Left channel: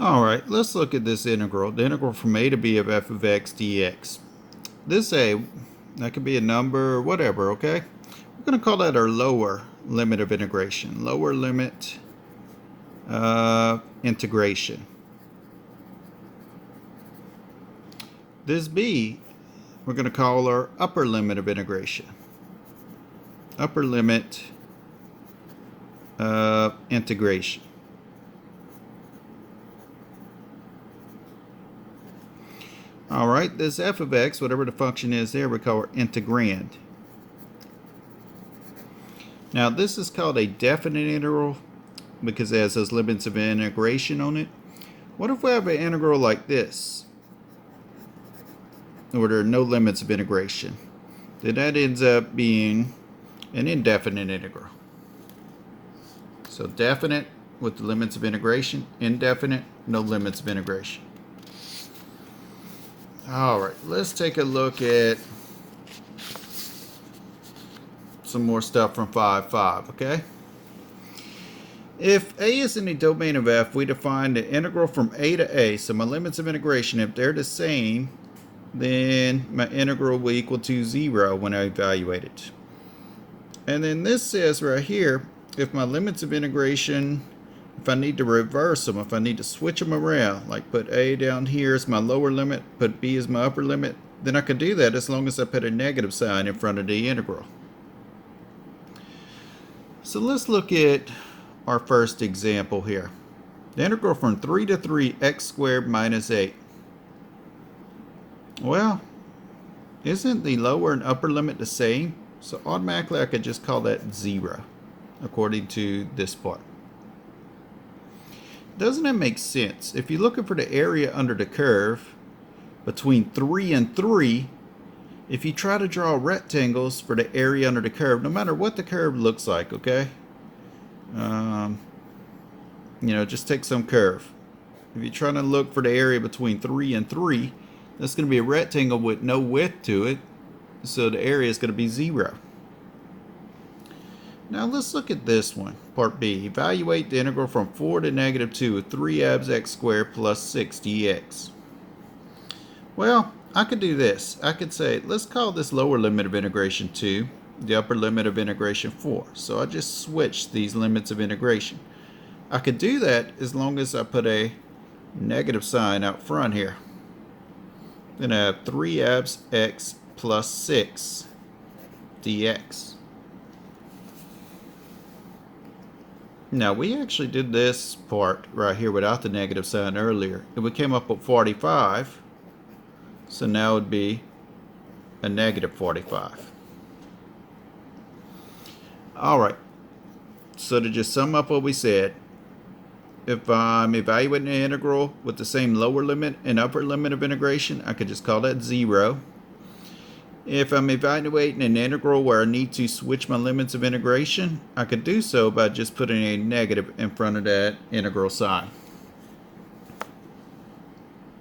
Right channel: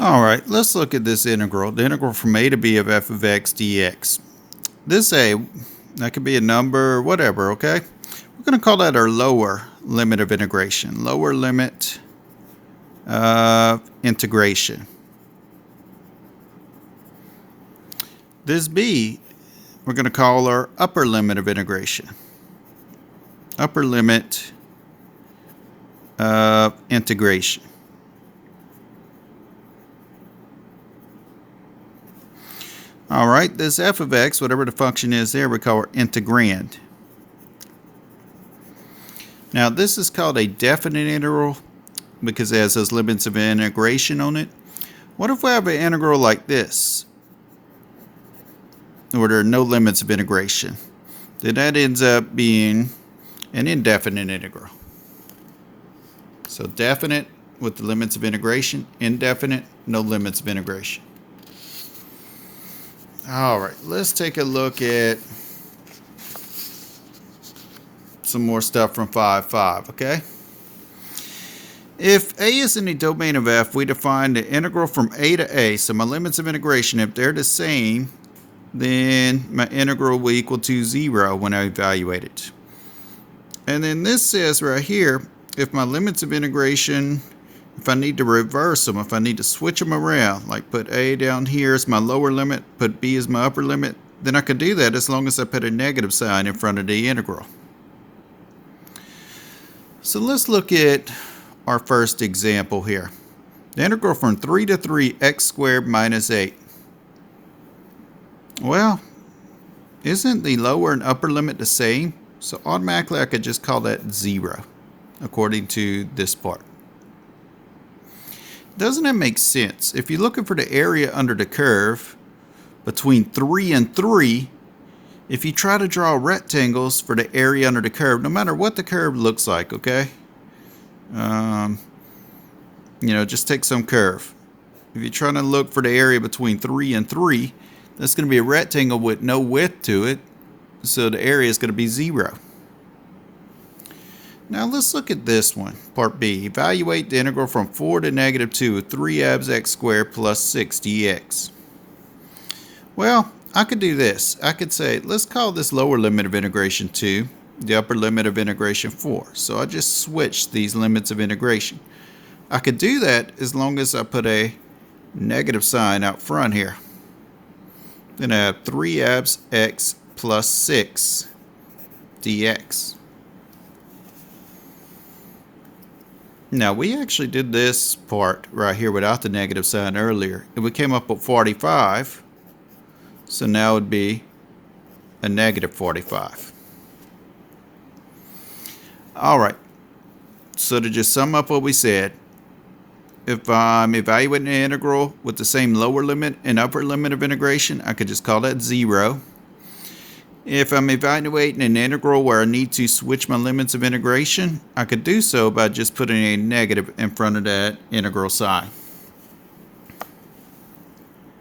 All right, let's look at this integral, the integral from a to b of f of x dx. This a, that could be a number, whatever, okay? We're going to call that our lower limit of integration, lower limit of integration. This b, we're going to call our upper limit of integration, upper limit of integration. All right, this f of x, whatever the function is there, we call our integrand. Now, this is called a definite integral because it has those limits of integration on it. What if we have an integral like this, where there are no limits of integration? Then that ends up being an indefinite integral. So definite with the limits of integration, indefinite, no limits of integration. All right, let's take a look at some more stuff from 5.5, okay? If a is in the domain of f, we define the integral from a to a. So my limits of integration, if they're the same, then my integral will equal to 0 when I evaluate it. And then this says right here, if my limits of integration, if I need to reverse them, if I need to switch them around, like put a down here as my lower limit, put b as my upper limit, then I can do that as long as I put a negative sign in front of the integral. So let's look at our first example here. The integral from 3 to 3 x squared minus 8. Well, isn't the lower and upper limit the same? So automatically I could just call that 0 according to this part. Doesn't it make sense? If you're looking for the area under the curve between 3 and 3, if you try to draw rectangles for the area under the curve, no matter what the curve looks like, okay? Just take some curve. If you're trying to look for the area between 3 and 3, that's going to be a rectangle with no width to it, so the area is going to be 0. Now let's look at this one, part B. Evaluate the integral from 4 to negative 2 of 3 abs x squared plus 6 dx. Well, I could do this. I could say, let's call this lower limit of integration 2, the upper limit of integration 4. So I just switched these limits of integration. I could do that as long as I put a negative sign out front here. Then I have 3 abs x plus 6 dx. Now, we actually did this part right here without the negative sign earlier, and we came up with 45. So now it would be a negative 45. All right. So to just sum up what we said, if I'm evaluating an integral with the same lower limit and upper limit of integration, I could just call that 0. If I'm evaluating an integral where I need to switch my limits of integration, I could do so by just putting a negative in front of that integral sign.